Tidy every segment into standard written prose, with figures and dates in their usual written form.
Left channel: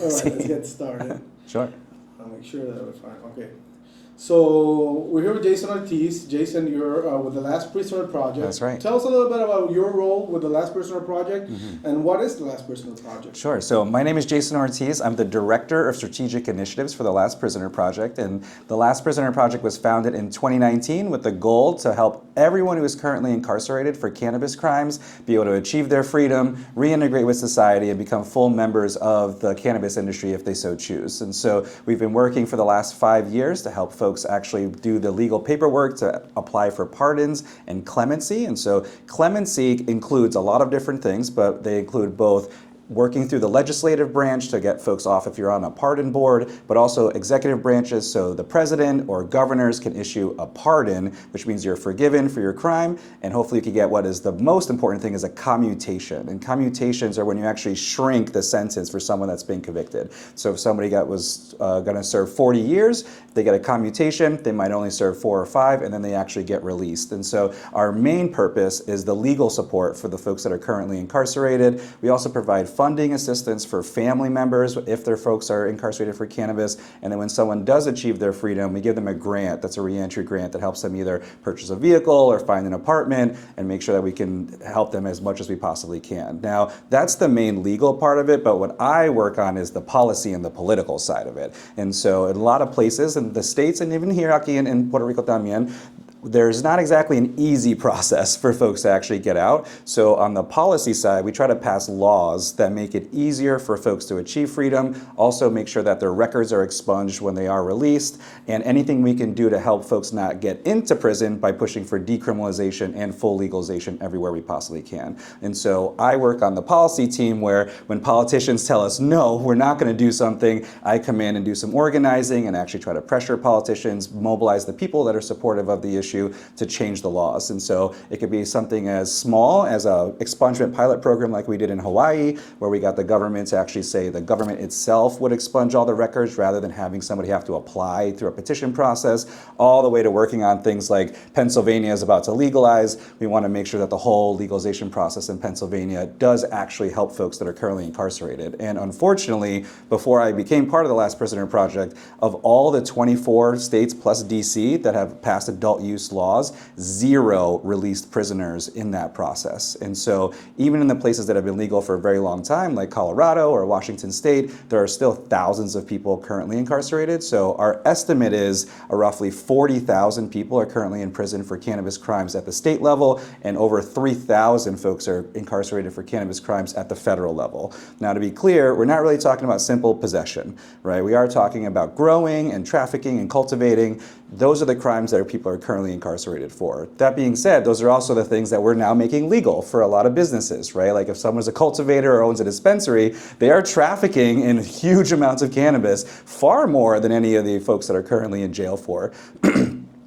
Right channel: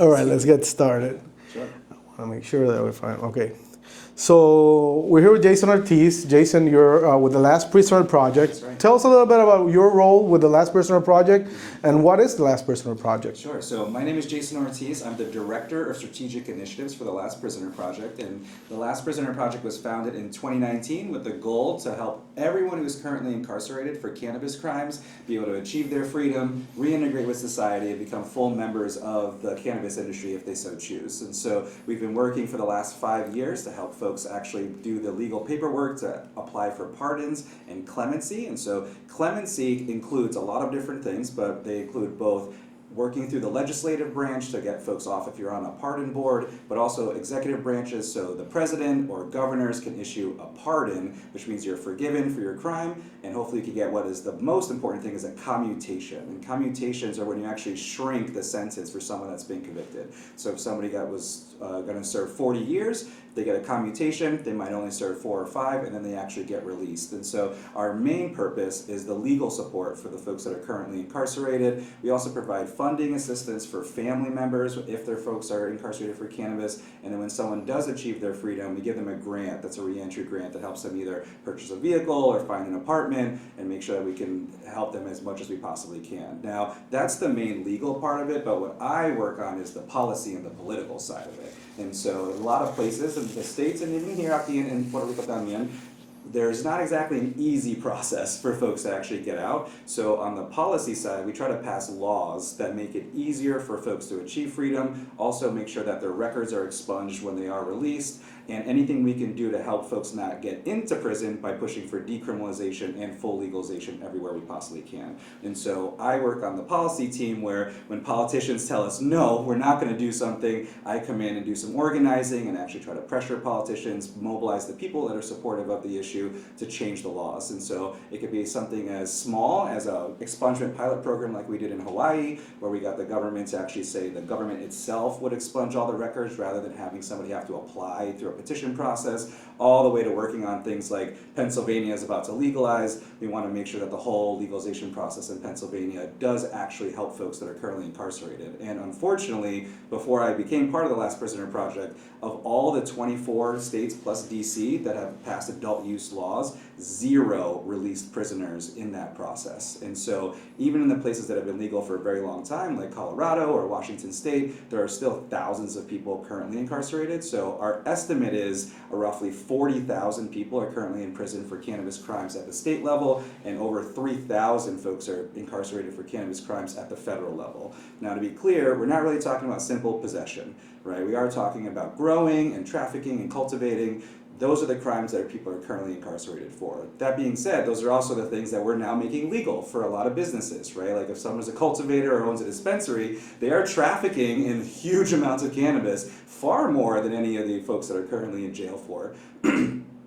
All right, let's get started. Sure. I want to make sure that we're fine. Okay. So we're here with Jason Ortiz. Jason, you're with the Last Prisoner Project. That's right. Tell us a little bit about your role with the Last Prisoner Project and what is the Last Prisoner Project? Sure. So my name is Jason Ortiz. I'm the Director of Strategic Initiatives for the Last Prisoner Project. And the Last Prisoner Project was founded in 2019 with the goal to help everyone who is currently incarcerated for cannabis crimes be able to achieve their freedom, reintegrate with society, and become full members of the cannabis industry if they so choose. And so we've been working for the last 5 years to help folks actually do the legal paperwork to apply for pardons and clemency. And so clemency includes a lot of different things, but they include both working through the legislative branch to get folks off if you're on a pardon board, but also executive branches, so the president or governors can issue a pardon, which means you're forgiven for your crime, and hopefully you can get what is the most important thing is a commutation. And commutations are when you actually shrink the sentence for someone that's been convicted. So if somebody was going to serve 40 years, they get a commutation, they might only serve 4 or 5, and then they actually get released. And so our main purpose is the legal support for the folks that are currently incarcerated. We also provide funding assistance for family members if their folks are incarcerated for cannabis. And then when someone does achieve their freedom, we give them a grant that's a reentry grant that helps them either purchase a vehicle or find an apartment and make sure that we can help them as much as we possibly can. Now, that's the main legal part of it, but what I work on is the policy and the political side of it. And so in a lot of places, in the States and even here aquí in Puerto Rico también, there's not exactly an easy process for folks to actually get out. So on the policy side, we try to pass laws that make it easier for folks to achieve freedom, also make sure that their records are expunged when they are released, and anything we can do to help folks not get into prison by pushing for decriminalization and full legalization everywhere we possibly can. And so I work on the policy team where when politicians tell us, no, we're not gonna do something, I come in and do some organizing and actually try to pressure politicians, mobilize the people that are supportive of the issue to change the laws. And so it could be something as small as a expungement pilot program like we did in Hawaii, where we got the government to actually say the government itself would expunge all the records rather than having somebody have to apply through a petition process, all the way to working on things like Pennsylvania is about to legalize. We want to make sure that the whole legalization process in Pennsylvania does actually help folks that are currently incarcerated. And unfortunately, before I became part of the Last Prisoner Project, of all the 24 states plus DC that have passed adult use laws, 0 released prisoners in that process. And so even in the places that have been legal for a very long time, like Colorado or Washington State, there are still thousands of people currently incarcerated. So our estimate is roughly 40,000 people are currently in prison for cannabis crimes at the state level, and over 3,000 folks are incarcerated for cannabis crimes at the federal level. Now, to be clear, we're not really talking about simple possession, right? We are talking about growing and trafficking and cultivating. Those are the crimes that people are currently incarcerated for. That being said, those are also the things that we're now making legal for a lot of businesses, right? Like if someone's a cultivator or owns a dispensary, they are trafficking in huge amounts of cannabis, far more than any of the folks that are currently in jail for.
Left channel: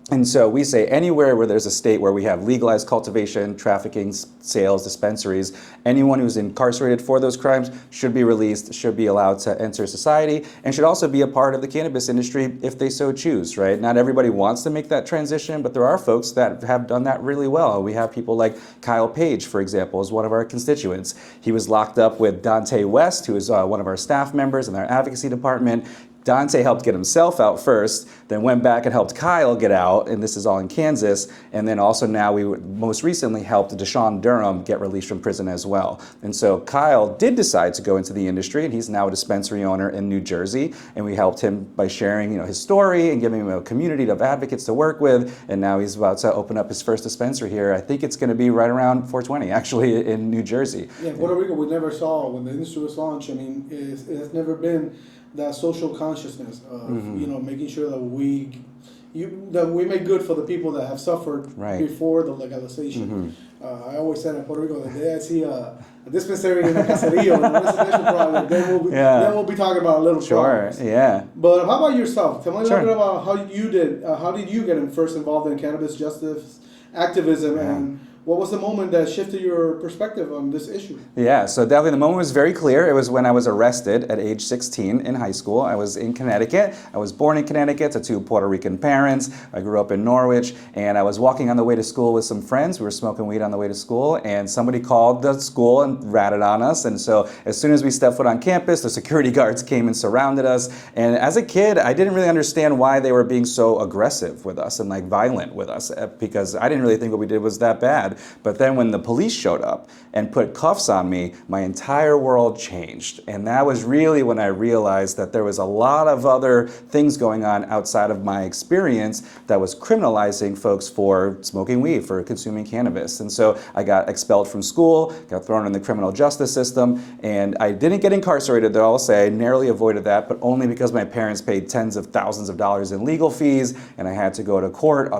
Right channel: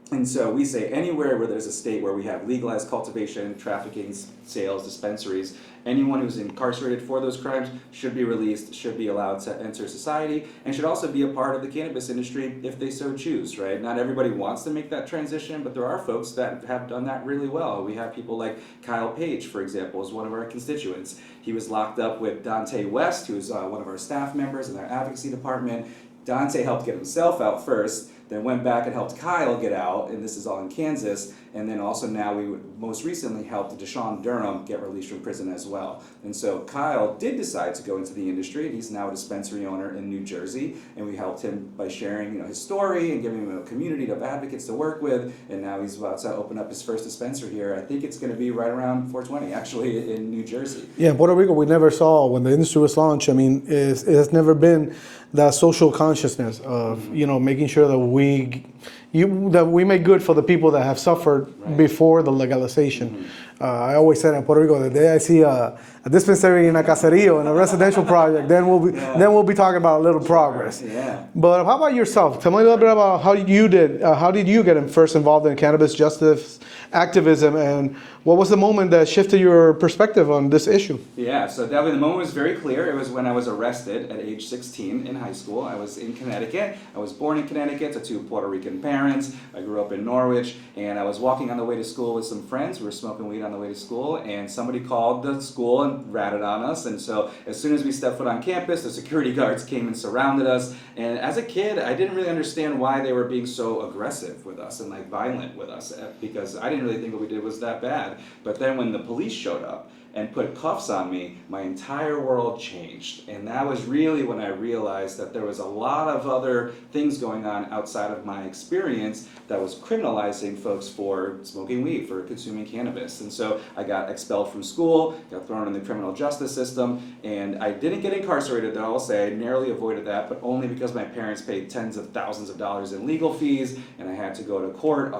And so we say anywhere where there's a state where we have legalized cultivation, trafficking, sales, dispensaries, anyone who's incarcerated for those crimes should be released, should be allowed to enter society, and should also be a part of the cannabis industry if they so choose, right? Not everybody wants to make that transition, but there are folks that have done that really well. We have people like Kyle Page, for example, is one of our constituents. He was locked up with Dante West, who is one of our staff members in our advocacy department. Dante helped get himself out first, then went back and helped Kyle get out, and this is all in Kansas. And then also now we most recently helped Deshaun Durham get released from prison as well. And so Kyle did decide to go into the industry, and he's now a dispensary owner in New Jersey. And we helped him by sharing, his story and giving him a community of advocates to work with. And now he's about to open up his first dispensary here. I think it's going to be right around 420, actually, in New Jersey. Yeah, in Puerto Rico, we never saw when the industry was launched. I mean, it has never been that social consciousness of making sure that we make good for the people that have suffered before the legalization. I always said in Puerto Rico, the day I see a dispensary in a caserío, in a residential project, then we'll be talking about a little progress. Yeah. But how about yourself? Tell me a little bit about how did you get first involved in cannabis justice activism, and What was the moment that shifted your perspective on this issue? Yeah, so definitely the moment was very clear. It was when I was arrested at age 16 in high school. I was in Connecticut. I was born in Connecticut to two Puerto Rican parents. I grew up in Norwich, and I was walking on the way to school with some friends. We were smoking weed on the way to school, and somebody called the school and ratted on us. And so as soon as we stepped foot on campus, the security guards came and surrounded us. And as a kid, I didn't really understand why they were being so aggressive with us and like violent with us, because I didn't really think what we did was that bad. But then when the police showed up and put cuffs on me, my entire world changed. And that was really when I realized that there was a lot of other things going on outside of my experience that was criminalizing folks for smoking weed, for consuming cannabis. And so I got expelled from school, got thrown in the criminal justice system, and I didn't get incarcerated, though I'll say. I narrowly avoided that, but only because my parents paid tens of thousands of dollars in legal fees, and I had to go to court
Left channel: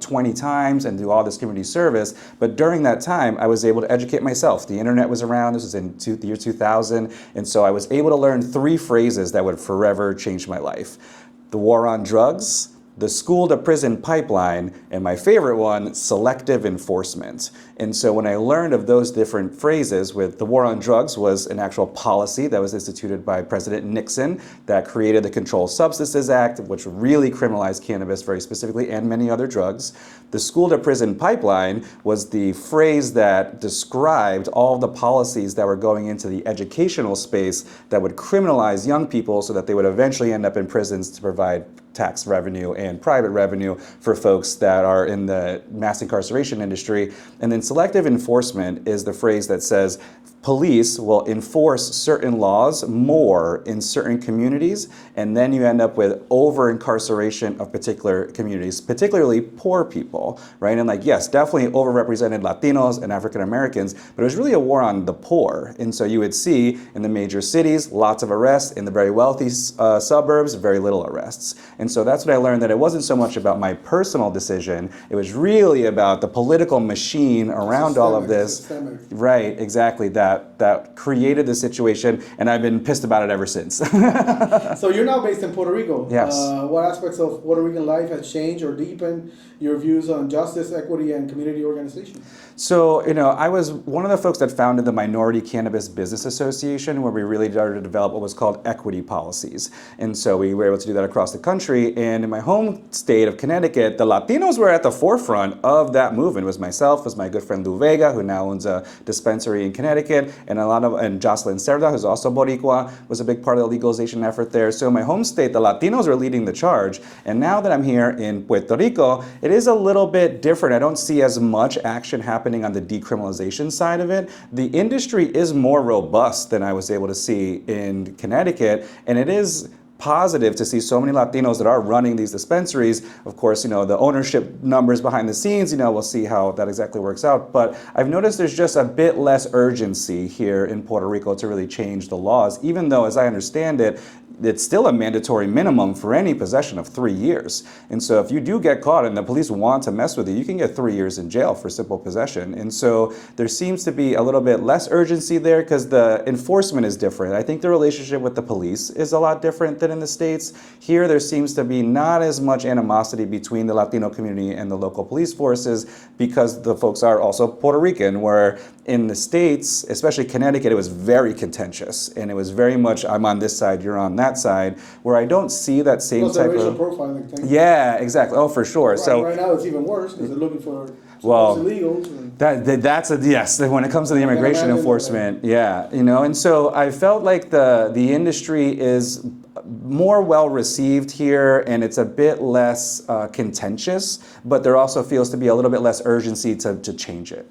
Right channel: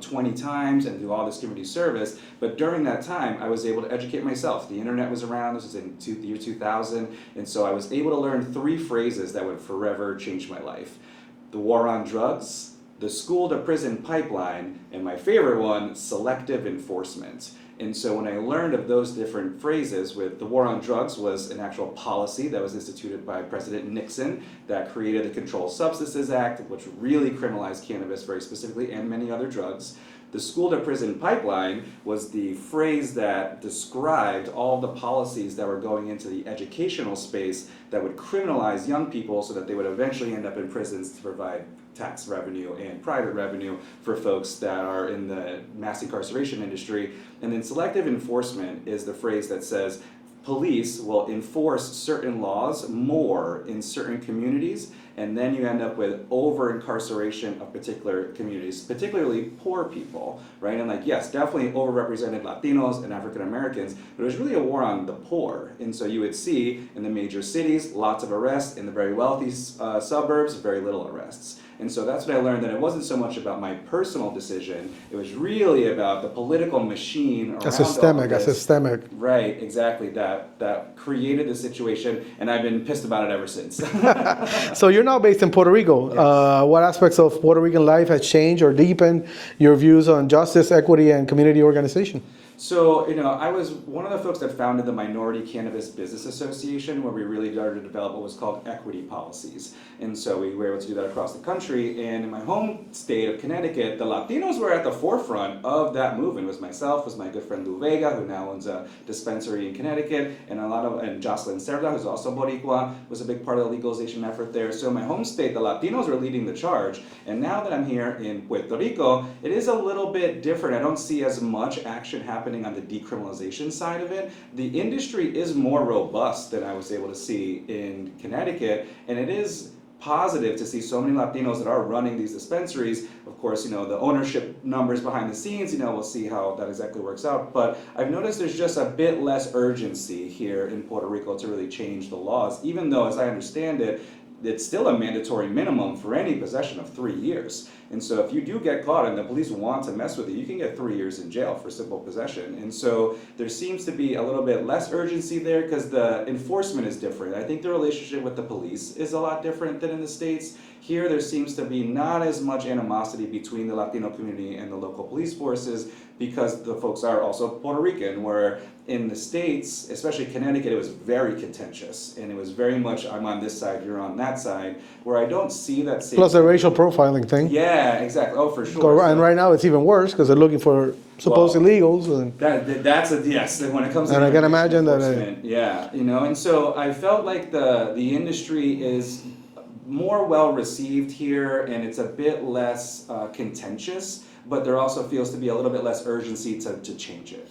20 times and do all this community service. But during that time, I was able to educate myself. The internet was around. This was in the year 2000. And so I was able to learn 3 phrases that would forever change my life: the war on drugs, the school to prison pipeline, and my favorite one, selective enforcement. And so when I learned of those different phrases, with the war on drugs was an actual policy that was instituted by President Nixon that created the Controlled Substances Act, which really criminalized cannabis very specifically and many other drugs. The school to prison pipeline was the phrase that described all the policies that were going into the educational space that would criminalize young people so that they would eventually end up in prisons to provide tax revenue and private revenue for folks that are in the mass incarceration industry. And then selective enforcement is the phrase that says police will enforce certain laws more in certain communities, and then you end up with over-incarceration of particular communities, particularly poor people, right? And like, yes, definitely overrepresented Latinos and African Americans, but it was really a war on the poor. And so you would see in the major cities, lots of arrests; in the very wealthy suburbs, very little arrests. And so that's what I learned, that it wasn't so much about my personal decision, it was really about the political machine around all of this. Systemic. Right, exactly, that created the situation, and I've been pissed about it ever since. So you're now based in Puerto Rico. Yes. What aspects of Puerto Rican life has changed or deepened your views on justice, equity, and community organization? So, I was one of the folks that founded the Minority Cannabis Business Association, where we really started to develop what was called equity policies. And so we were able to do that across the country. And in my home state of Connecticut, the Latinos were at the forefront of that movement. It was myself, was my good friend Lou Vega, who now owns a dispensary in Connecticut, and Jocelyn Cerda, who's also boricua, was a big part of the legalization effort there. So in my home state, the Latinos were leading the charge. And now that I'm here in Puerto Rico, it is a little bit different. I don't see as much action happening on the decriminalization side of it. The industry is more robust than I was able to see in Connecticut, and it is positive to see so many Latinos that are running these dispensaries. Of course, the ownership numbers behind the scenes, we'll see how that exactly works out. But I've noticed there's just a bit less urgency here in Puerto Rico to really change the laws, even though, as I understand it, it's still a mandatory minimum for any possession of 3 years. And so if you do get caught and the police want to mess with you, you can get 3 years in jail for simple possession. And so there seems to be a little bit less urgency there because the enforcement is different. I think the relationship with the police is a lot different than in the States. Here, there seems to be not as much animosity between the Latino community and the local police forces because the folks are also Puerto Rican, where in the States, especially Connecticut, it was very contentious. And it was very much, I'm on this side, you're on that side, where I don't see that same Plus the racial of profiling thing. Yeah, exactly. Oh, for sure. So, right now it's even worse because they're looking for supposed illegals. And that's yes. When it comes to the immigration enforcement, and so I felt like the industry is more well received here, and it's a bit less contentious, but there also feels to be a little bit less urgency to change it.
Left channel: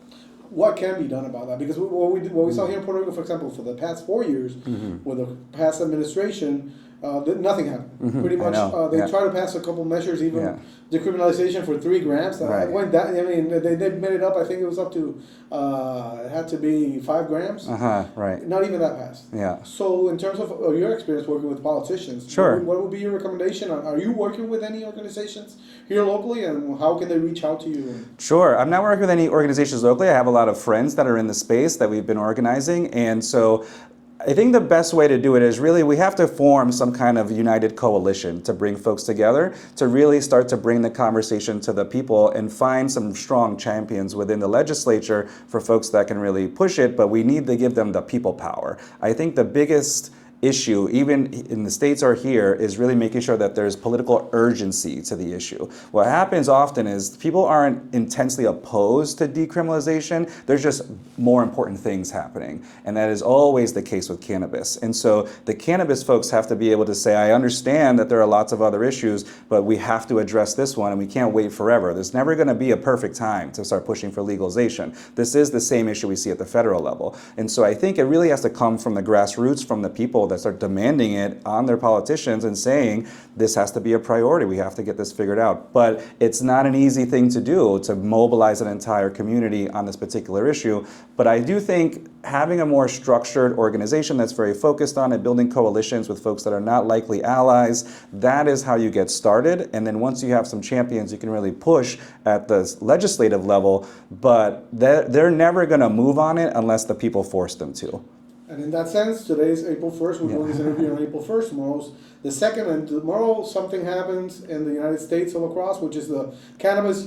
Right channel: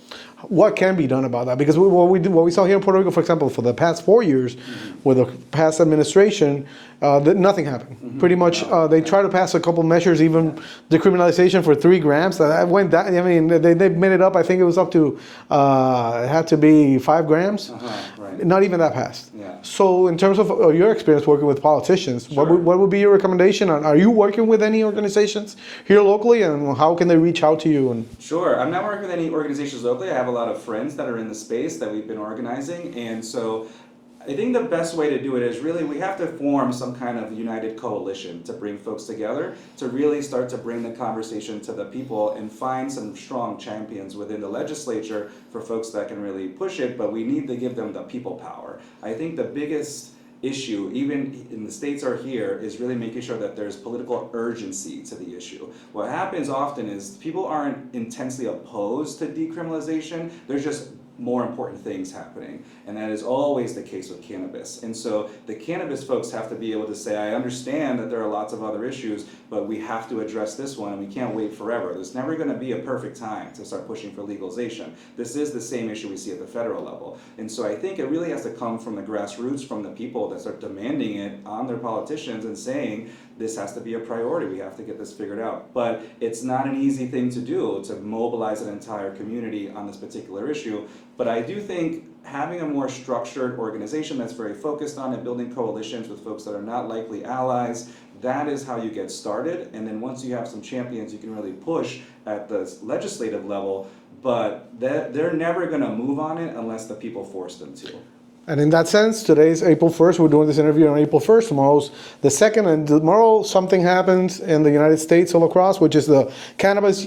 What can be done about that? Because what we saw here in Puerto Rico, for example, for the past 4 years, with the past administration, nothing happened. Pretty much, they tried to pass a couple measures, even decriminalization for 3 grams. That went down. I mean, they made it up. I think it was up to it had to be 5 grams. Right. Not even that passed. Yeah. So, in terms of your experience working with politicians, what would be your recommendation? Are you working with any organizations here locally, and how can they reach out to you? Sure. I'm not working with any organizations locally. I have a lot of friends that are in the space that we've been organizing, and so I think the best way to do it is really we have to form some kind of united coalition to bring folks together, to really start to bring the conversation to the people and find some strong champions within the legislature for folks that can really push it, but we need to give them the people power. I think the biggest issue, even in the states or here, is really making sure that there's political urgency to the issue. What happens often is people aren't intensely opposed to decriminalization, there's just more important things happening. And that is always the case with cannabis. And so the cannabis folks have to be able to say, I understand that there are lots of other issues, but we have to address this one and we can't wait forever. There's never gonna be a perfect time to start pushing for legalization. This is the same issue we see at the federal level. And so I think it really has to come from the grassroots, from the people that start demanding it on their politicians and saying, this has to be a priority, we have to get this figured out. But it's not an easy thing to do, to mobilize an entire community on this particular issue. But I do think having a more structured organization that's very focused on it, building coalitions with folks that are not likely allies, that is how you get started. And then once you have some champions, you can really push at the legislative level, but they're never gonna move on it unless the people force them to. And in that sense, today's April 1st. We're doing this interview on April 1st. Tomorrow's the 2nd. And tomorrow something happens in the United States all across, which is the Cannabis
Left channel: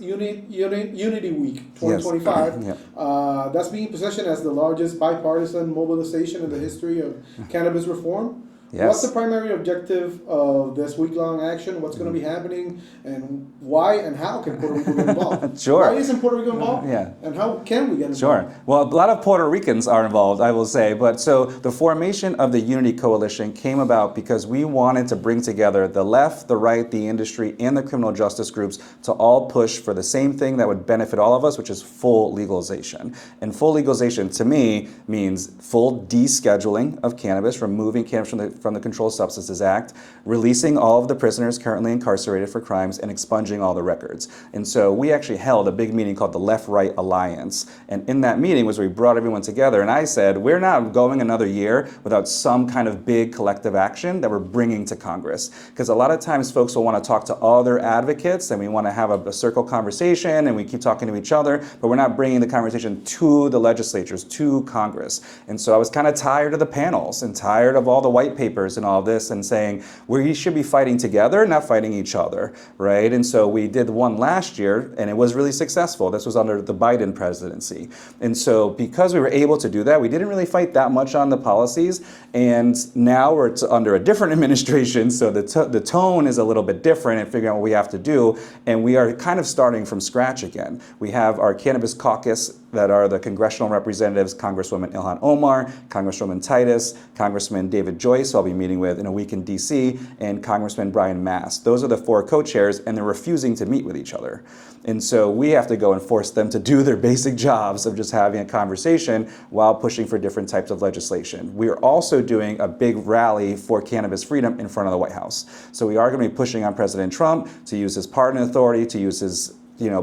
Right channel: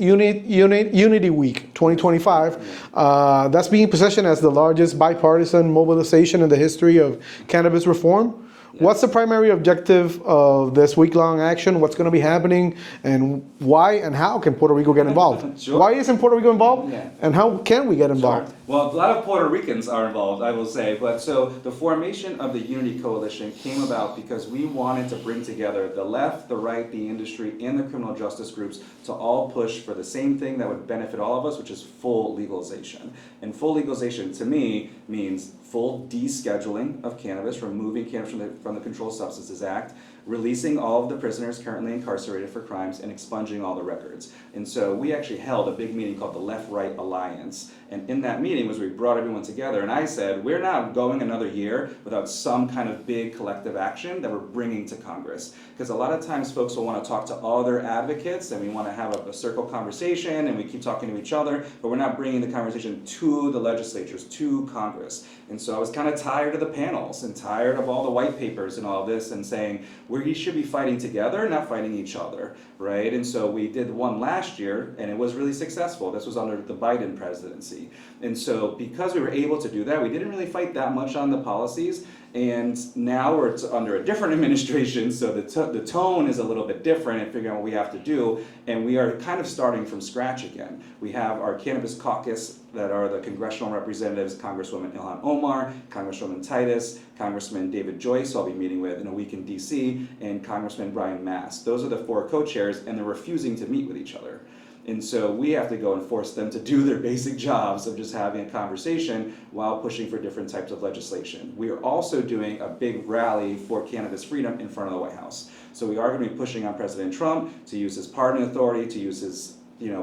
Unity Week 2025. Yes. Yeah. That's being positioned as the largest bipartisan mobilization in the history of cannabis reform. Yes. What's the primary objective of this week-long action? What's going to be happening, and why and how can Puerto Rico get involved? Sure. Why isn't Puerto Rico involved? Yeah. And how can we get involved? Sure. Well, a lot of Puerto Ricans are involved, I will say. But so the formation of the Unity Coalition came about because we wanted to bring together the left, the right, the industry, and the criminal justice groups to all push for the same thing that would benefit all of us, which is full legalization. And full legalization, to me, means full descheduling of cannabis, removing cannabis from the Controlled Substances Act, releasing all of the prisoners currently incarcerated for crimes, and expunging all the records. And so we actually held a big meeting called the Left-Right Alliance. And in that meeting was where we brought everyone together. And I said, we're not going another year without some kind of big collective action that we're bringing to Congress. Because a lot of times folks will want to talk to other advocates, and we want to have a circle conversation, and we keep talking to each other, but we're not bringing the conversation to the legislatures, to Congress. And so I was kind of tired of the panels and tired of all the white papers and all this, and saying, we should be fighting together, not fighting each other, right? And so we did one last year, and it was really successful. This was under the Biden presidency. And so because we were able to do that, we didn't really fight that much on the policies, and now we're under a different administration, so the tone is a little bit different in figuring out what we have to do, and we are kind of starting from scratch again. We have our cannabis caucus that are the congressional representatives, Congresswoman Ilhan Omar, Congresswoman Titus, Congressman David Joyce, who I'll be meeting with in a week in DC, and Congressman Brian Mast. Those are the four co-chairs, and they're refusing to meet with each other. And so we have to go and force them to do their basic jobs of just having a conversation while pushing for different types of legislation. We are also doing a big rally for cannabis freedom in front of the White House. So we are going to be pushing on President Trump to use his pardon authority, to use his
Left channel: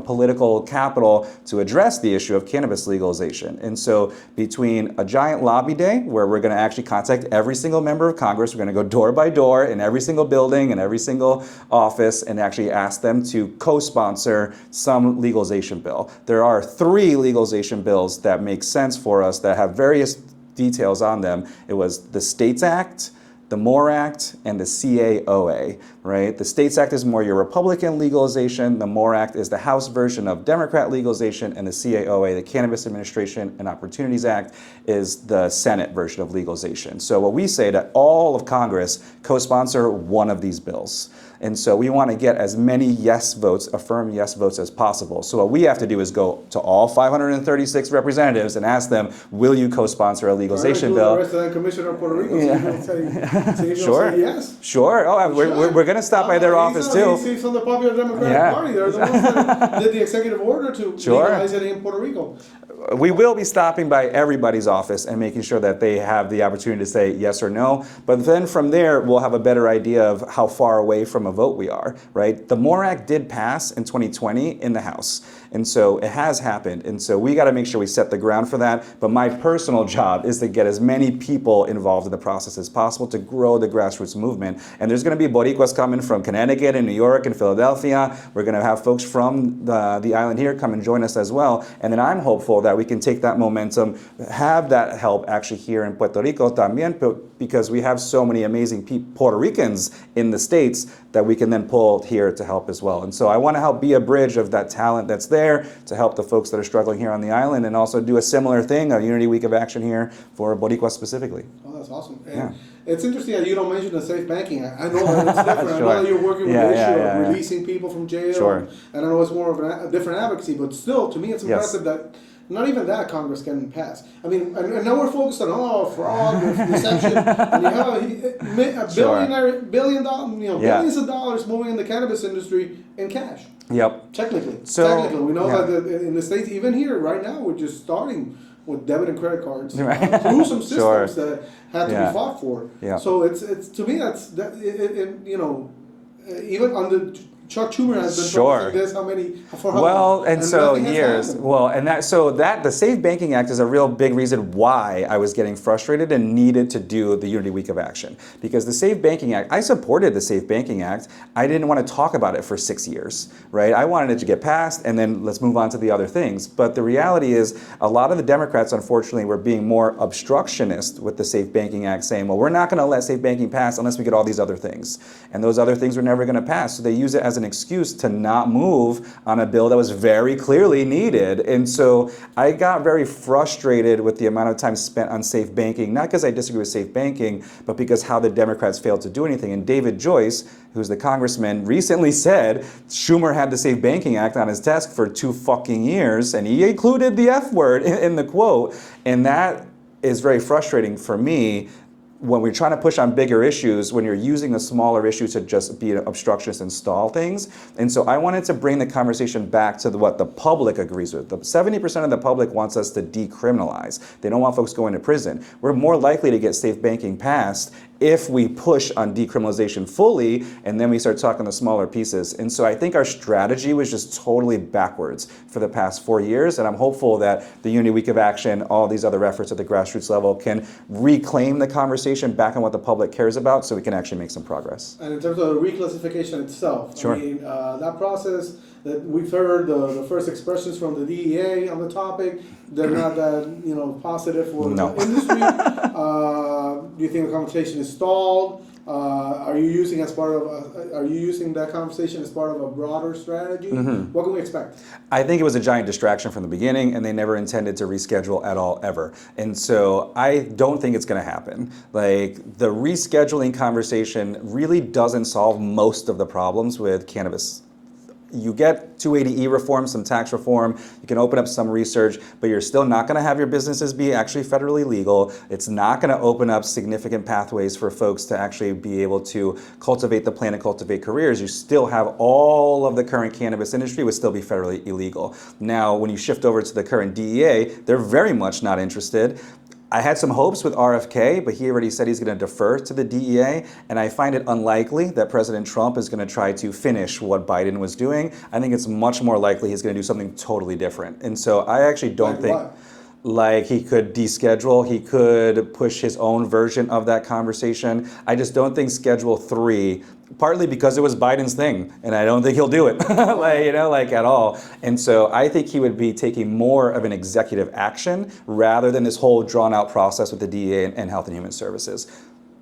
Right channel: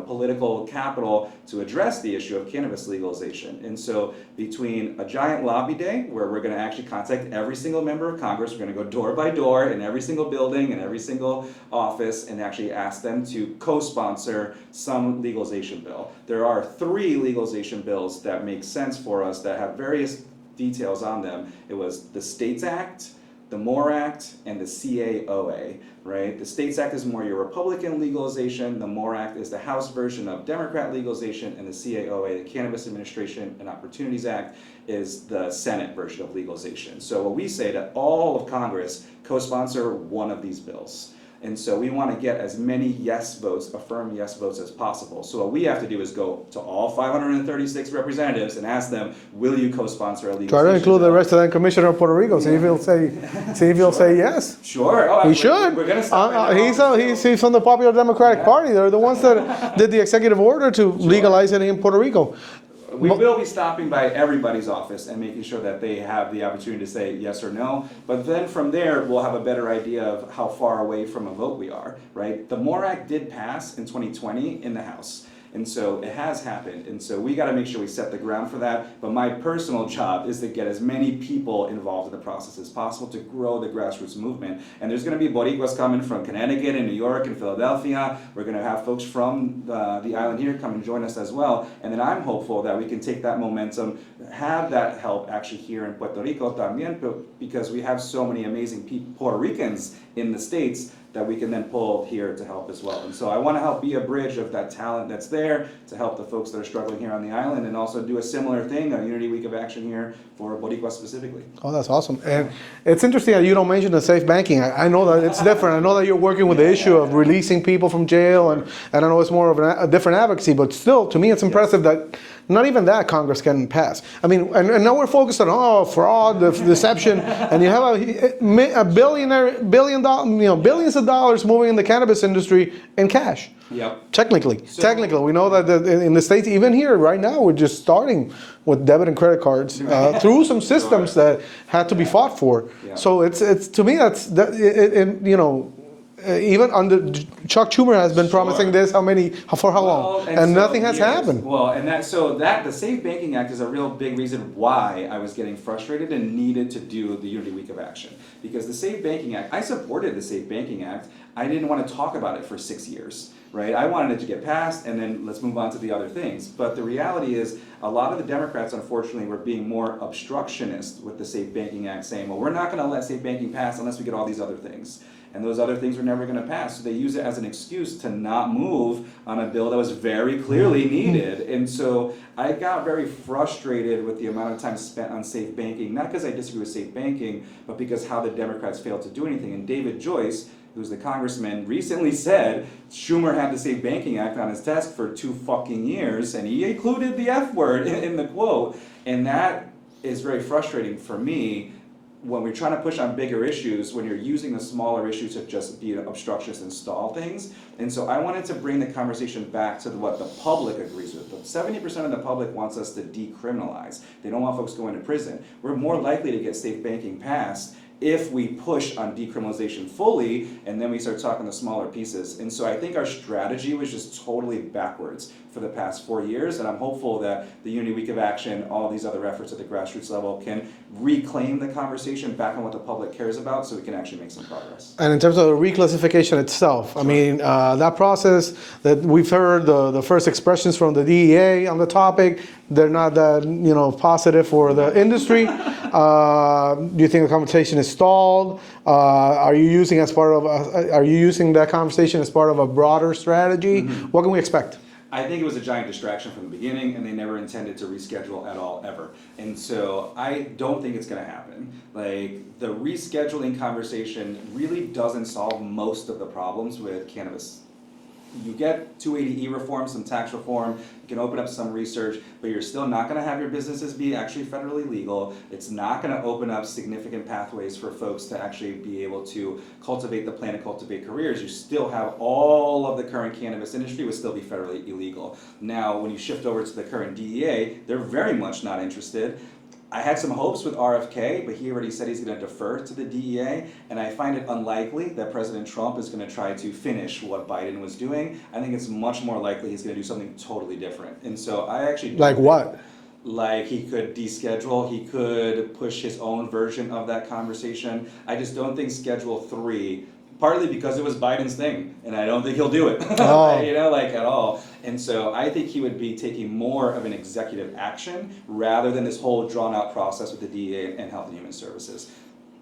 political capital to address the issue of cannabis legalization. And so between a giant lobby day where we're going to actually contact every single member of Congress, we're going to go door by door in every single building and every single office and actually ask them to co-sponsor some legalization bill. There are 3 legalization bills that make sense for us that have various details on them. It was the States Act, the MORE Act, and the CAOA, right? The States Act is more your Republican legalization, the MORE Act is the House version of Democrat legalization, and the CAOA, the Cannabis Administration and Opportunities Act, is the Senate version of legalization. So what we say that all of Congress co-sponsor one of these bills. And so we want to get as many yes votes, affirm yes votes as possible. So what we have to do is go to all 536 representatives and ask them, will you co-sponsor a legalization bill? Try to include the resident commissioner of Puerto Rico, see if he'll say yes. Sure. Oh, we're going to stop by their office too. He's from the Popular Democratic Party. They're the ones that did the executive order to legalize it in Puerto Rico. We will be stopping by everybody's office and making sure that they have the opportunity to say yes or no. But then from there, we'll have a better idea of how far away from a vote we are, right? The MORE Act did pass in 2020 in the House. And so it has happened. And so we got to make sure we set the ground for that. But my personal job is to get as many people involved in the process as possible to grow the grassroots movement. And there's going to be boricuas coming from Connecticut and New York and Philadelphia. We're going to have folks from the island here come and join us as well. And then I'm hopeful that we can take that momentum, have that help actually here in Puerto Rico también, because we have so many amazing Puerto Ricans in the States that we can then pull here to help as well. And so I want to help be a bridge of that talent that's there to help the folks that are struggling here on the island, and also do a similar thing, a Unity Week of Action here for Boricua specifically. Oh, that's awesome. And it's interesting that you don't mention the safe banking. I know that it's different. Sure. I know that you're working with the issue of releasing people from jail, and I know it's more of a different advocacy, but still, to me, it's impressive that not even that Congress can pass. I mean, and now we're focused on fraud, deception, and you have a billion dollars, billions of dollars moving in the cannabis industry in cash. Yep. Technically, we know that in the States, even here right now, we're just starting with debit and credit cards through some systems that had to be fought for. Yeah. So it's to me even under Chuck Schumer has been promising this for how long, and so nothing has happened. Well, and the Safe Banking Act is a real big reason why I was getting frustrated and needed to do the Unity Week of Action, because the Safe Banking Act, I supported the Safe Banking Act. I didn't want to talk about it for 6 years, right? I wanted it to get passed and then let's move on to the other things. But the reality is, a lot of the Democrats, unfortunately, were being more obstructionist with the Safe Banking Act, saying, well, we're not going to let safe banking pass unless we get all these other things. And those other things were never going to pass. So they use it as an excuse to not move on a bill that was very clearly needed. And so I got very frustrated with the amount of time spent on safe banking, not because I disagree with safe banking, but because how the Democrats failed to do anything. And David Joyce, who's the congressman, recently said Schumer had the Safe Banking Act on his desk for 2 fucking years, and he included the F word in the quote. And that is very frustrating for me when we're trying to push on bigger issues, when you're using a smaller issue to just be an obstructionist and stall things. And so I wanted to bring the conversation back to what the public agrees with. 70% of the public wants us to decriminalize. They don't want folks going to prison. We're more likely to get safe banking passed if we push on decriminalization fully, and then we start talking the smaller pieces. And so I think our strategy was just totally backwards for the past 4 years, and I'm hopeful that the Unity Week of Action, all these other efforts at the grassroots level, can reclaim the conversation back on what the public cares about, so we can actually make some progress. And in terms of the reclassification itself, I mean, that process that we've heard, the first expressions from the DEA on the topic, they're not that positive for the industry. Do you think the conversation is stalled? Are you using that conversation as part of a broader strategy? What can we expect? I think it was a giant distraction from the beginning, and they never intended to reschedule at all, ever. And so I don't think it's going to happen. Like, the rescheduling conversation really doesn't solve most of the problems with cannabis. You get 280E reform, some tax reform, you can open up some research, but you're still not going to have your businesses be actually federally legal. It's not going to open up significant pathways for folks to actually be able to cultivate the plant and cultivate careers. You still have all of the current cannabis industry would still be federally illegal. Now, when you shift over to the current DEA, they're very much not interested. I had some hopes with RFK, but he already said he's going to defer to the DEA, and I find it unlikely that President Trump is going to try to finish what Biden was doing. I think it's much more likely he's going to do something totally different. And so I actually don't think... Like what? Like, he could deschedule, he could push his own version of that conversation. I just don't think Schedule 3, partly because it was Biden's thing, and I don't think he'll do it, at all. And so I think he would be taking more of an executive action rather than this whole drawn-out process with the DEA and Health and Human Services.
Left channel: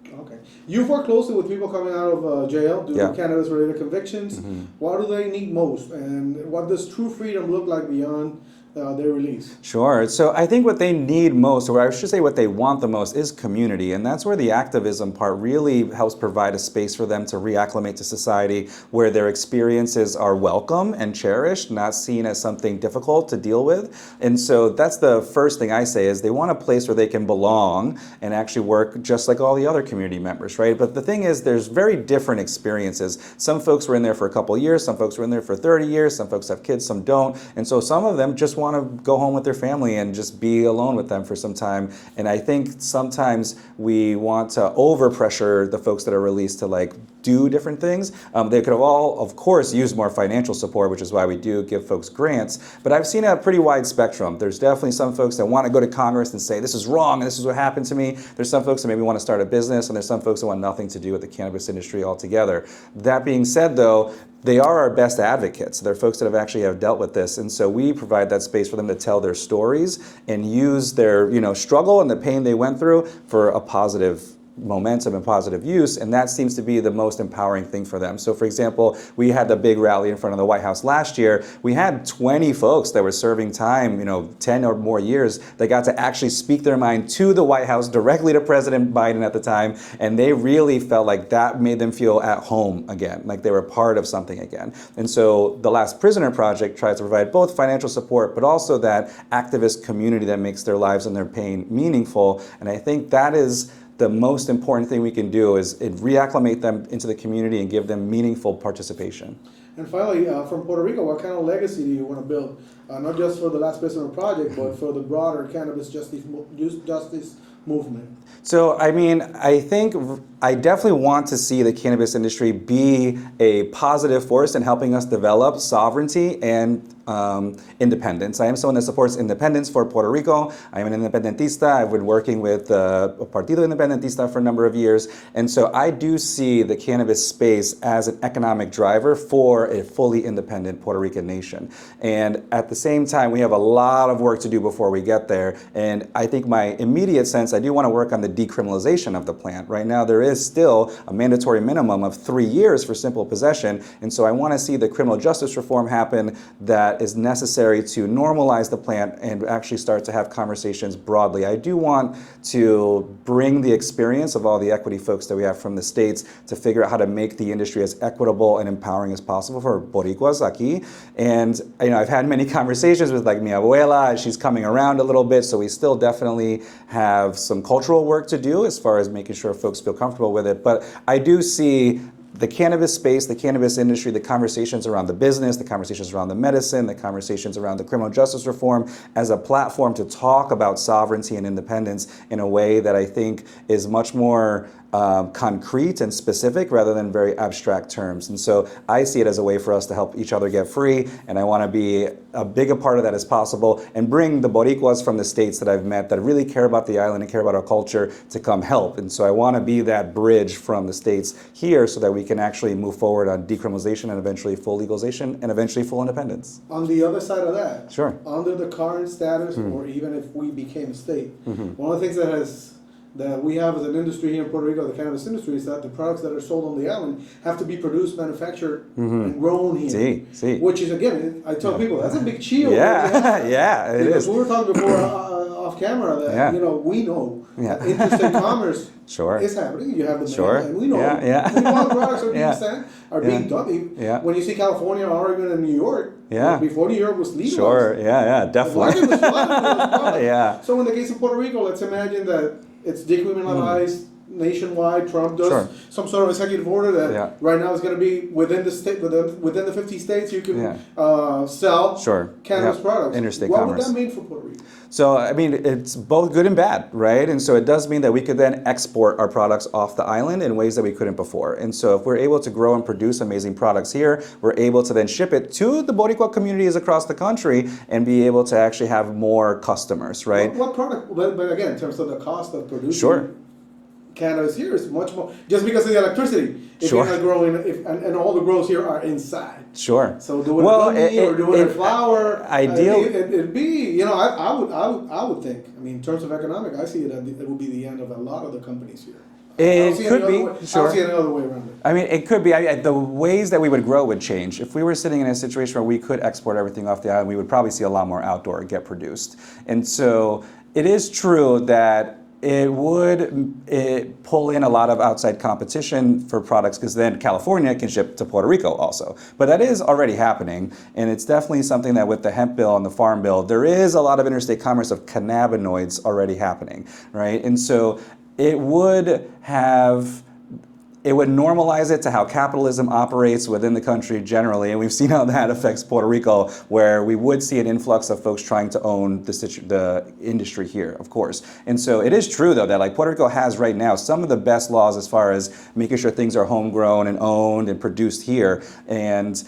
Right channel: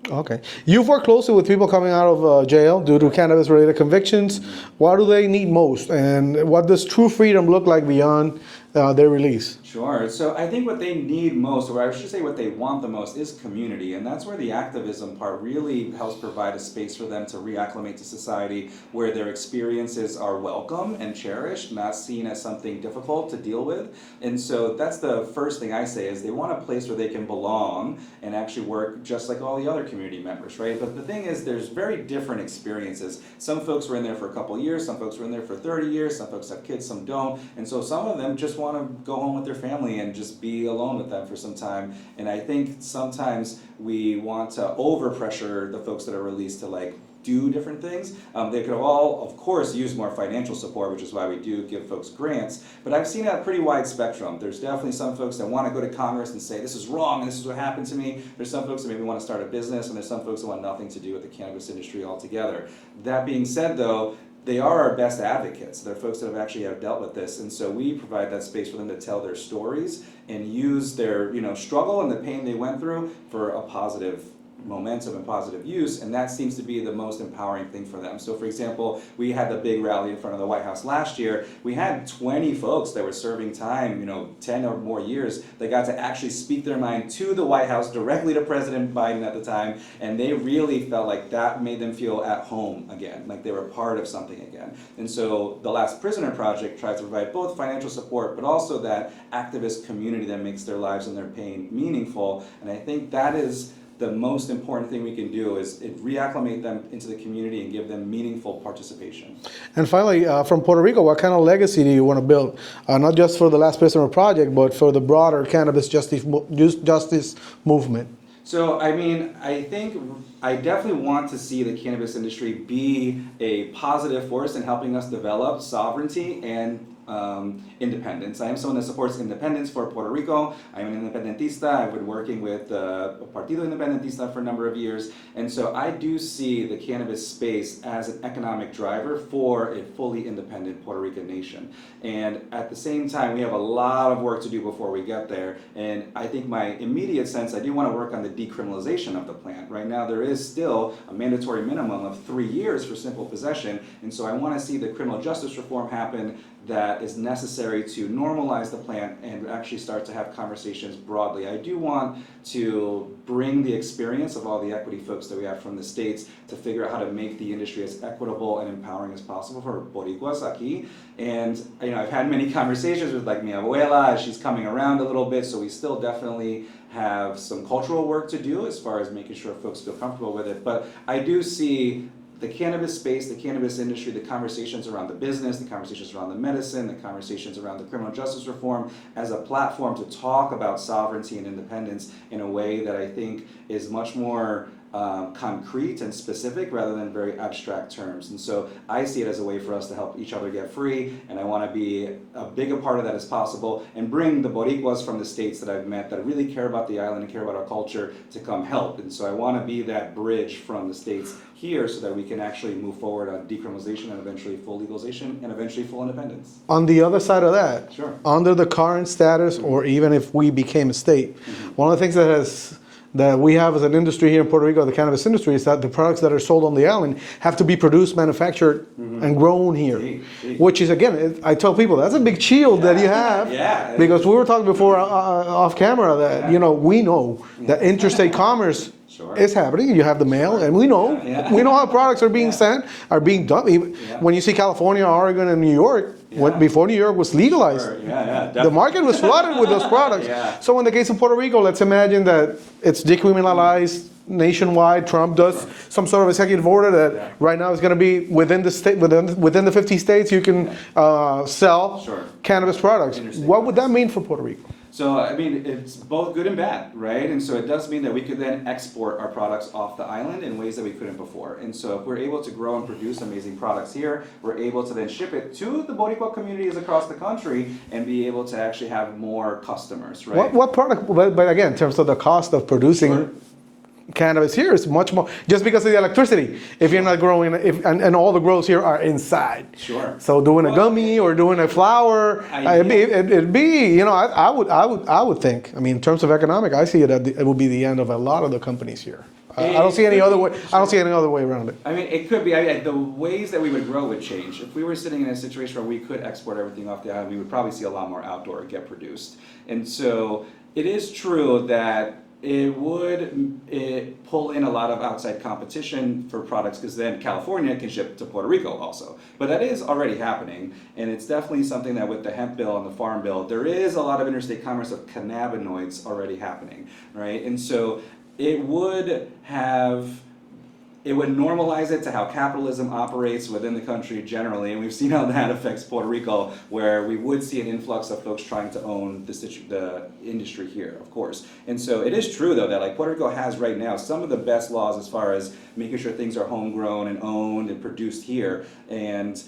Okay. You've worked closely with people coming out of jail due to cannabis-related convictions. What do they need most, and what does true freedom look like beyond their release? Sure. So I think what they need most, or I should say what they want the most, is community. And that's where the activism part really helps provide a space for them to reacclimate to society, where their experiences are welcome and cherished, not seen as something difficult to deal with. And so that's the first thing I say, is they want a place where they can belong and actually work just like all the other community members, right? But the thing is, there's very different experiences. Some folks were in there for a couple of years, some folks were in there for 30 years, some folks have kids, some don't. And so some of them just want want to go home with their family and just be alone with them for some time. And I think sometimes we want to overpressure the folks that are released to like do different things. They could have all, of course, used more financial support, which is why we do give folks grants. But I've seen a pretty wide spectrum. There's definitely some folks that want to go to Congress and say, this is wrong, and this is what happened to me. There's some folks that maybe want to start a business, and there's some folks that want nothing to do with the cannabis industry altogether. That being said, though, they are our best advocates. They're folks that have dealt with this, and so we provide that space for them to tell their stories and use their struggle and the pain they went through for a positive momentum and positive use, and that seems to be the most empowering thing for them. So for example, we had the big rally in front of the White House last year. We had 20 folks that were serving time, 10 or more years, that got to actually speak their mind to the White House, directly to President Biden at the time, and they really felt like that made them feel at home again, like they were part of something again. And so the Last Prisoner Project tries to provide both financial support, but also that activist community that makes their lives and their pain meaningful, and I think that is the most important thing we can do is reacclimate them into the community and give them meaningful participation. And finally, from Puerto Rico, what kind of legacy do you want to build? Not just for the Last Prisoner Project, but for the broader cannabis justice movement? So, I mean, I think I definitely want to see the cannabis industry be a positive force in helping us develop sovereignty and independence. I am someone that supports independence for Puerto Rico. I am an independentista. I've been working with Partido Independentista for a number of years. And so I do see the cannabis space as an economic driver for a fully independent Puerto Rican nation. And at the same time, we have a lot of work to do before we get there. And I think my immediate sense, I do want to work on the decriminalization of the plant. Right now, there is still a mandatory minimum of 3 years for simple possession. And so I want to see the criminal justice reform happen that is necessary to normalize the plant and actually start to have conversations broadly. I do want to bring the experience of all the equity folks that we have from the States to figure out how to make the industry as equitable and empowering as possible for boricuas aquí. And I've had many conversations with like mi abuela. She's coming around a little bit, so we still definitely have some cultural work to do as far as making sure folks feel comfortable with it. But I do see the cannabis space, the cannabis industry, the conversations around the business, the conversations around the medicine, the conversations around the criminal justice reform as a platform to talk about sovereignty and independence in a way that I think is much more concrete and specific rather than very abstract terms. And so I see it as a way for us to help each other get free, and I want to be as big a part of that as possible and bring the Boricuas from the States that I've met that really care about the island and care about our culture to come help. And so I want to be that bridge from the States here so that we can actually move forward on decriminalization and eventually full legalization and eventually full independence. On the other side of that, sure, under the current status, or even if we became a state, one of the things that we have as an industry here in Puerto Rico, the cannabis industry, is that the products that are sold on the island have to be produced, manufactured, and grown here. Which is, again, I tell people, that's a big shield that you have. Because we were talking before off camera that, we know that interstate commerce is happening. You have the mail, and we know how products are being sent, are being done. When you see California, Oregon, and New York, before New York was legalized, definitely. The market was flooded with those products. So in the case of Puerto Rico, let's imagine that it's decriminalized nationwide. Trump does some sort of executive order that right now is going to be within the state, within the 50 states, you can sell cannabis products. What would that mean for Puerto Rico? So, I mean, it's both good and bad, right? And so it does mean that we could then export our products off the island in ways that we couldn't before. And so if we're able to grow and produce amazing products here, we're able to then ship it to the Boricua communities across the country and be able to actually have more customers, right? What product, but again, in terms of the cost of producing cannabis here is much more, just because of the electricity. If you're not growing, and all the grows here are inside. So doing a gummy or doing a flower, it'd be, I would think. I mean, in terms of economic, I see it would be the end of a lot of the companies here. I don't see any other way. I don't see any other way around it. I mean, it could be. The ways that we would grow would change. If we were sitting in a situation where we could export everything off the island, we would probably see a lot more outdoor get produced. And so it is true that it would pull in a lot of outside competition for products, because then California can ship to Puerto Rico also. But that is already happening, and it's definitely something that with the hemp bill and the farm bill, there is a lot of interstate commerce of cannabinoids already happening, right? And so it would have it would normalize it to how capitalism operates within the country generally, and we've seen how that affects Puerto Rico, where we would see an influx of folks trying to own the industry here, of course. And so it is true, though, that like Puerto Rico has right now some of the best laws as far as making sure things are homegrown and owned and produced here. And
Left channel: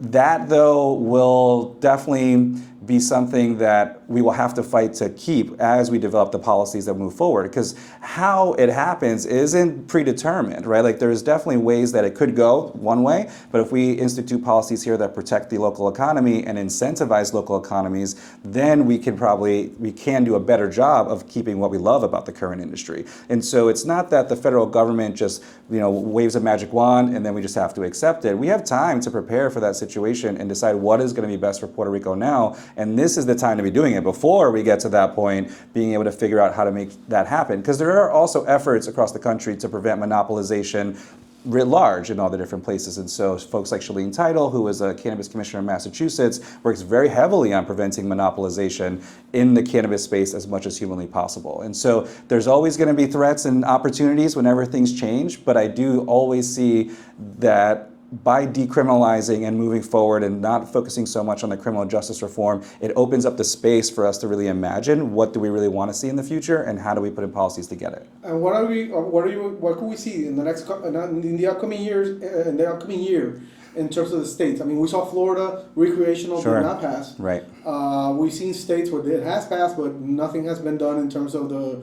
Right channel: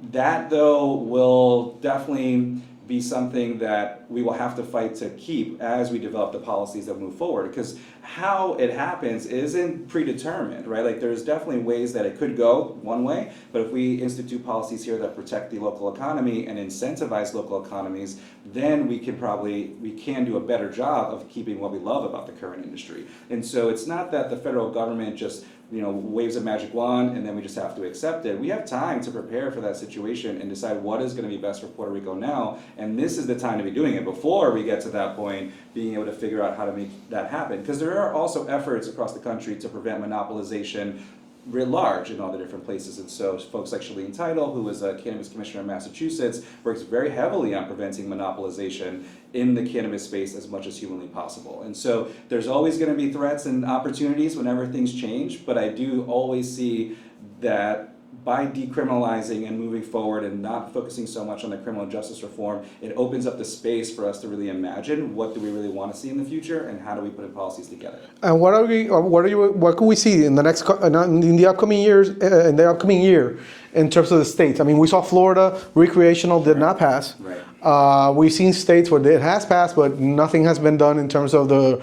that, though, will definitely be something that we will have to fight to keep as we develop the policies that move forward, because how it happens isn't predetermined, right? Like there's definitely ways that it could go one way, but if we institute policies here that protect the local economy and incentivize local economies, then we can do a better job of keeping what we love about the current industry. And so it's not that the federal government just waves a magic wand and then we just have to accept it. We have time to prepare for that situation and decide what is going to be best for Puerto Rico now. And this is the time to be doing it before we get to that point, being able to figure out how to make that happen. Because there are also efforts across the country to prevent monopolization writ large in all the different places. And so folks like Shalene Title, who is a cannabis commissioner in Massachusetts, works very heavily on preventing monopolization in the cannabis space as much as humanly possible. And so there's always going to be threats and opportunities whenever things change, but I do always see that by decriminalizing and moving forward and not focusing so much on the criminal justice reform, it opens up the space for us to really imagine what do we really want to see in the future and how do we put in policies to get it. And what can we see in the upcoming years, in the upcoming year, in terms of the states? I mean, we saw Florida recreational did not pass. Right. We've seen states where it has passed, but nothing has been done in terms of the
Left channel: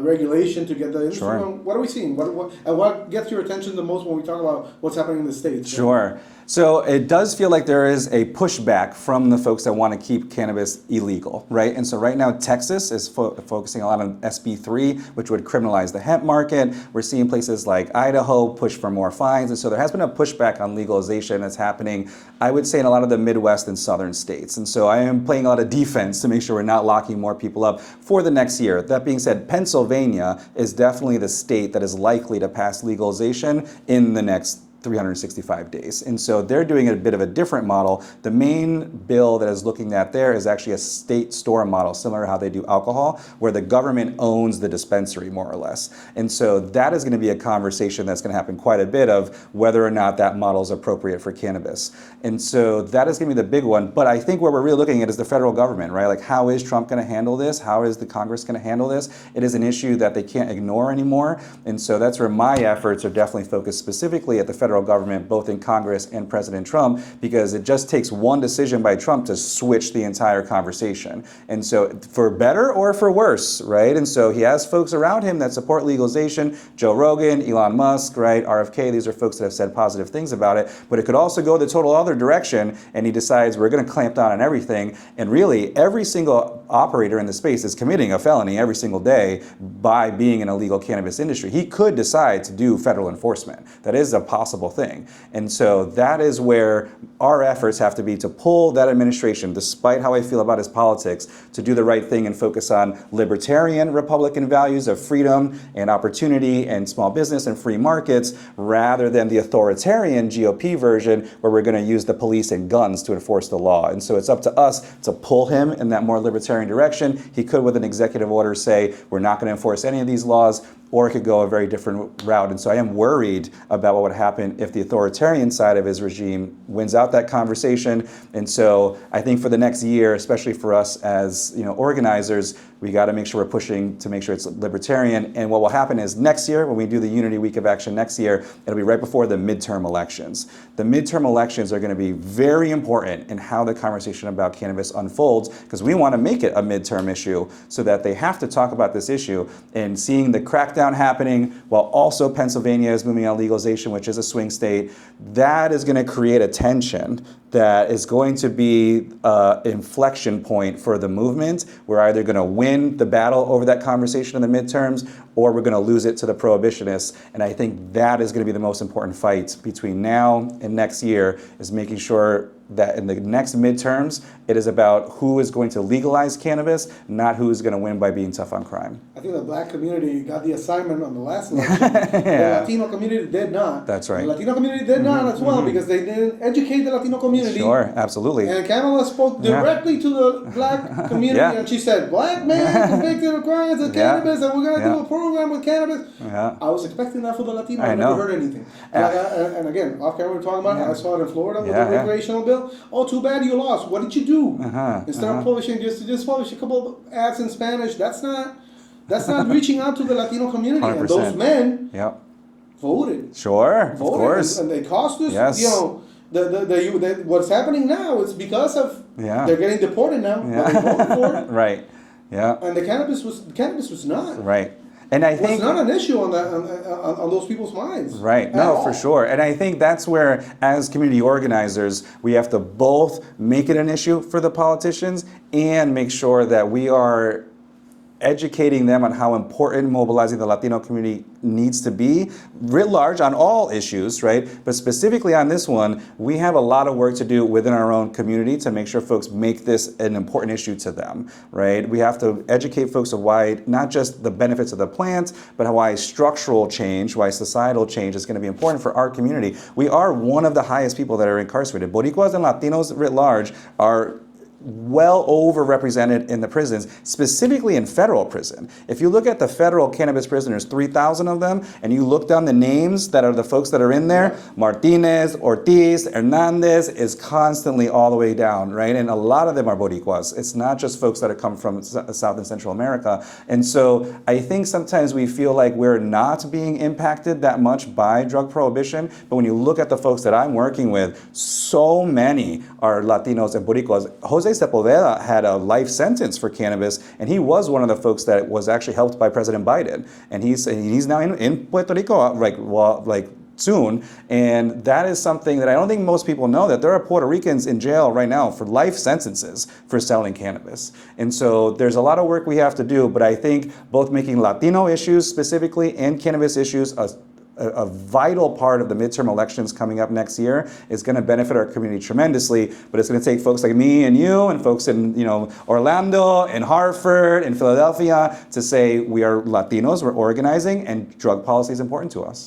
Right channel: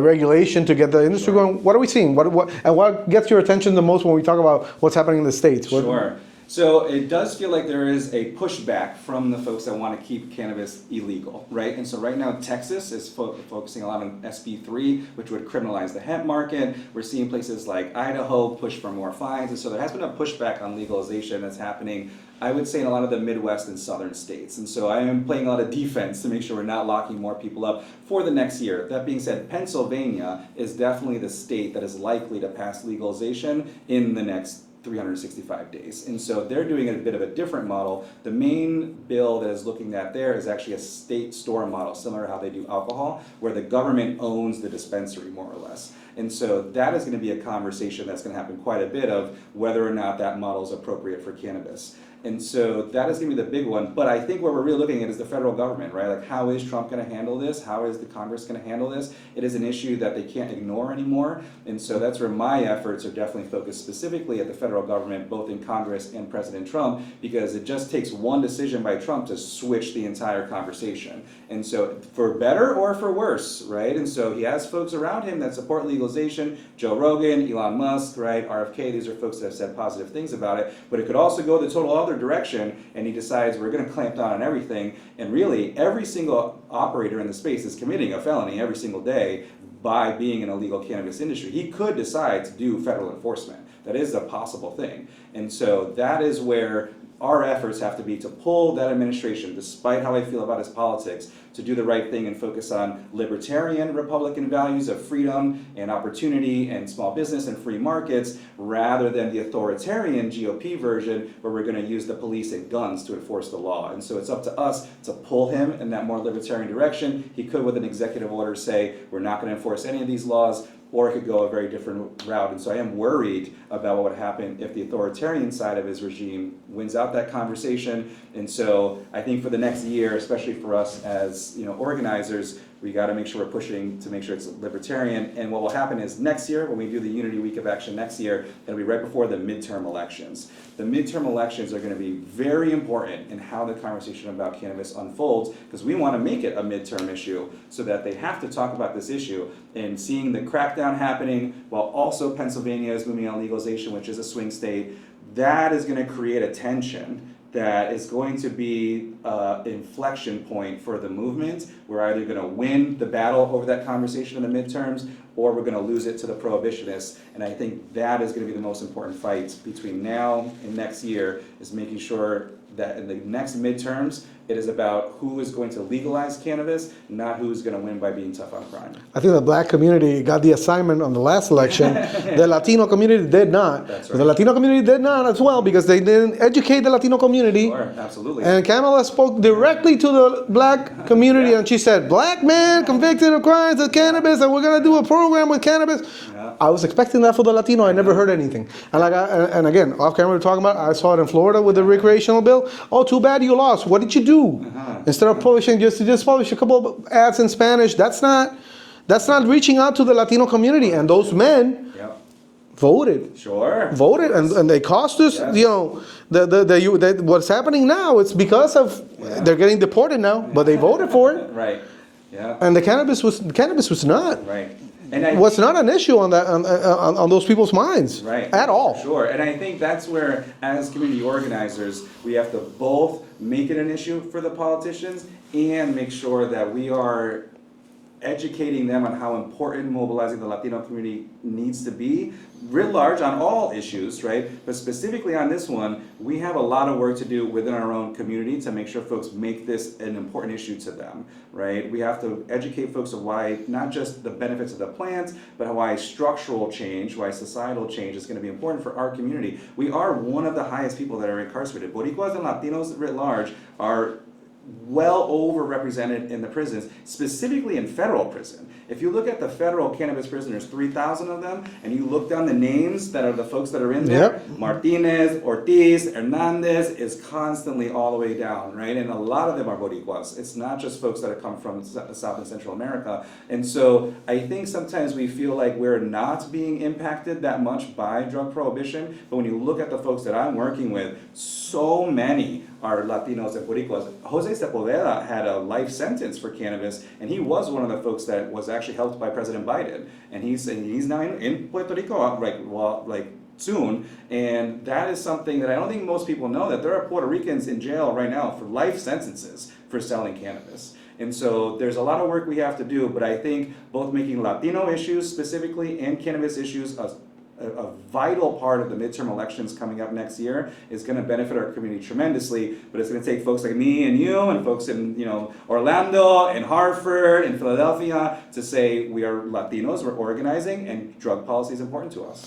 regulation to get the industry going. What are we seeing? What gets your attention the most when we talk about what's happening in the states? Sure. So it does feel like there is a pushback from the folks that want to keep cannabis illegal, right? And so right now Texas is focusing a lot on SB3, which would criminalize the hemp market. We're seeing places like Idaho push for more fines. And so there has been a pushback on legalization that's happening, I would say, in a lot of the Midwest and southern states. And so I am playing a lot of defense to make sure we're not locking more people up for the next year. That being said, Pennsylvania is definitely the state that is likely to pass legalization in the next 365 days. And so they're doing a bit of a different model. The main bill that is looking at there is actually a state store model, similar to how they do alcohol, where the government owns the dispensary more or less. And so that is going to be a conversation that's going to happen quite a bit of whether or not that model is appropriate for cannabis. And so that is going to be the big one. But I think what we're really looking at is the federal government, right? Like, how is Trump going to handle this? How is the Congress going to handle this? It is an issue that they can't ignore anymore. And so that's where my efforts are definitely focused specifically at the federal government, both in Congress and President Trump, because it just takes one decision by Trump to switch the entire conversation. And so for better or for worse, right? And so he has folks around him that support legalization, Joe Rogan, Elon Musk, right? RFK, these are folks that have said positive things about it, but it could also go the total other direction, and he decides we're going to clamp down on everything. And really, every single operator in the space is committing a felony every single day by being in a legal cannabis industry. He could decide to do federal enforcement. That is a possible thing. And so that is where our efforts have to be to pull that administration, despite how I feel about his politics, to do the right thing and focus on libertarian Republican values of freedom and opportunity and small business and free markets, rather than the authoritarian GOP version where we're going to use the police and guns to enforce the law. And so it's up to us to pull him in that more libertarian direction. He could, with an executive order, say we're not going to enforce any of these laws, or it could go a very different route. And so I am worried about what would happen if the authoritarian side of his regime wins out that conversation. And so I think for the next year, especially for us as organizers, we got to make sure we're pushing to make sure it's libertarian. And what will happen is next year, when we do the Unity Week of Action next year, it'll be right before the midterm elections. The midterm elections are going to be very important in how the conversation about cannabis unfolds, because we want to make it a midterm issue so that they have to talk about this issue. And seeing the crackdown happening while also Pennsylvania is moving on legalization, which is a swing state, that is going to create a tension that is going to be an inflection point for the movement. We're either going to win the battle over that conversation in the midterms, or we're going to lose it to the prohibitionists. And I think that is going to be the most important fight between now and next year, is making sure that in the next midterms, it is about who is going to legalize cannabis, not who is going to win by being tough on crime. I think the black community got the assignment on the last election. Yeah. The Latino community did not. That's right. The Latino community did not as well, because they didn't educate the Latino community. Sure, absolutely. And Kamala spoke directly to the black community, and she said, "Black man convicted of crimes of cannabis, and we're going to do a program program with cannabis. Yeah. I was expecting that for the Latino. I never know. heard anything. And, and again, off camera, we were talking about it. I saw it in Florida with the recreational bill. Oh, too bad you lost. What did you do? Instead of publishing, just publish a couple of ads in Spanish. That's not reaching out to the Latino community. 100%. And those men voted. Voted, and they cost us. Yes. You know, what's happening now? It's because of they're getting deported now, but they voted for it. Right. Yeah. And the cannabis was not. Right. And I was think, not an issue on that on those people's minds. Right. At all. For sure. And I think that's where, as community organizers, we have to both make it an issue for the politicians and make sure that we are educating them on how important mobilizing the Latino community needs to be, writ large on all issues, right? But specifically on this one, we have a lot of work to do within our own community to make sure folks make this an important issue to them, right? We have to educate folks of why, not just the benefits of the plant, but why structural change, why societal change is going to be important for our community. We are one of the highest people that are incarcerated. Boricuas and Latinos writ large are well overrepresented in the prisons, specifically in federal prison. If you look at the federal cannabis prisoners, 3,000 of them, and you look down the names that are the folks that are in there, Martinez, Ortiz, Hernandez is constantly all the way down, right? And a lot of them are Boricuas. It's not just folks that have come from South and Central America. And so I think sometimes we feel like we're not being impacted that much by drug prohibition, but when you look at the folks that I'm working with, so many are Latinos and Boricuas. Jose Sepulveda had a life sentence for cannabis, and he was one of the folks that was actually helped by President Biden. And he's now in Puerto Rico, soon. And that is something that I don't think most people know, that there are Puerto Ricans in jail right now for life sentences for selling cannabis. And so there's a lot of work we have to do, but I think both making Latino issues specifically and cannabis issues a vital part of the midterm elections coming up next year is going to benefit our community tremendously, but it's going to take folks like me and you and folks in Orlando and Hartford and Philadelphia to say we are Latinos, we're organizing, and drug policy is important to us.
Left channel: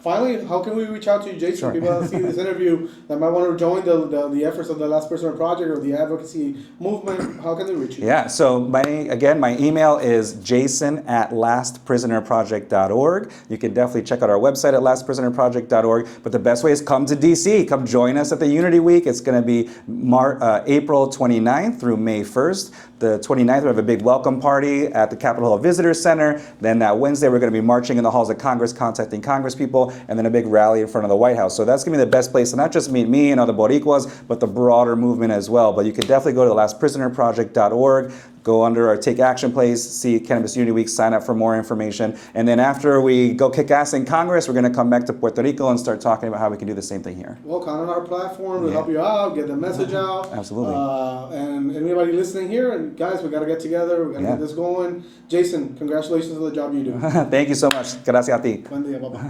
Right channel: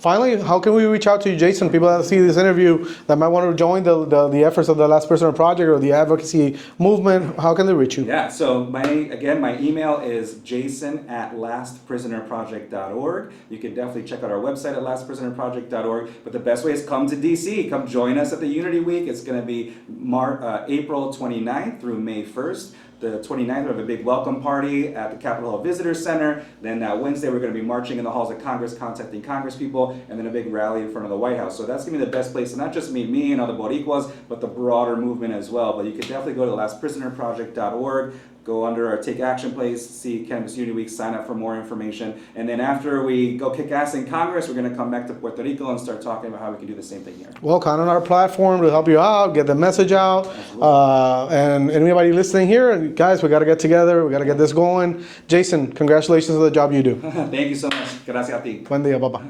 Finally, how can we reach out to you, Jason? People that see this interview that might want to join the efforts of the Last Prisoner Project or the advocacy movement, how can they reach you? Yeah, so my email is jason@lastprisonerproject.org. You can definitely check out our website at lastprisonerproject.org, but the best way is come to DC. Come join us at the Unity Week. It's going to be April 29th through May 1st. The 29th, we have a big welcome party at the Capitol Hill Visitor Center. Then that Wednesday, we're going to be marching in the halls of Congress, contacting Congress people, and then a big rally in front of the White House. So that's going to be the best place to not just meet me and other Boricuas, but the broader movement as well. But you can definitely go to lastprisonerproject.org. Go under our Take Action place, see Cannabis Unity Week, sign up for more information. And then after we go kick ass in Congress, we're going to come back to Puerto Rico and start talking about how we can do the same thing here. Well, count on our platform to help you out, get the message out. Absolutely. And anybody listening here, guys, we got to get together. We got to get this going. Jason, congratulations on the job you do. Thank you so much. Gracias a ti. Buen día, papá.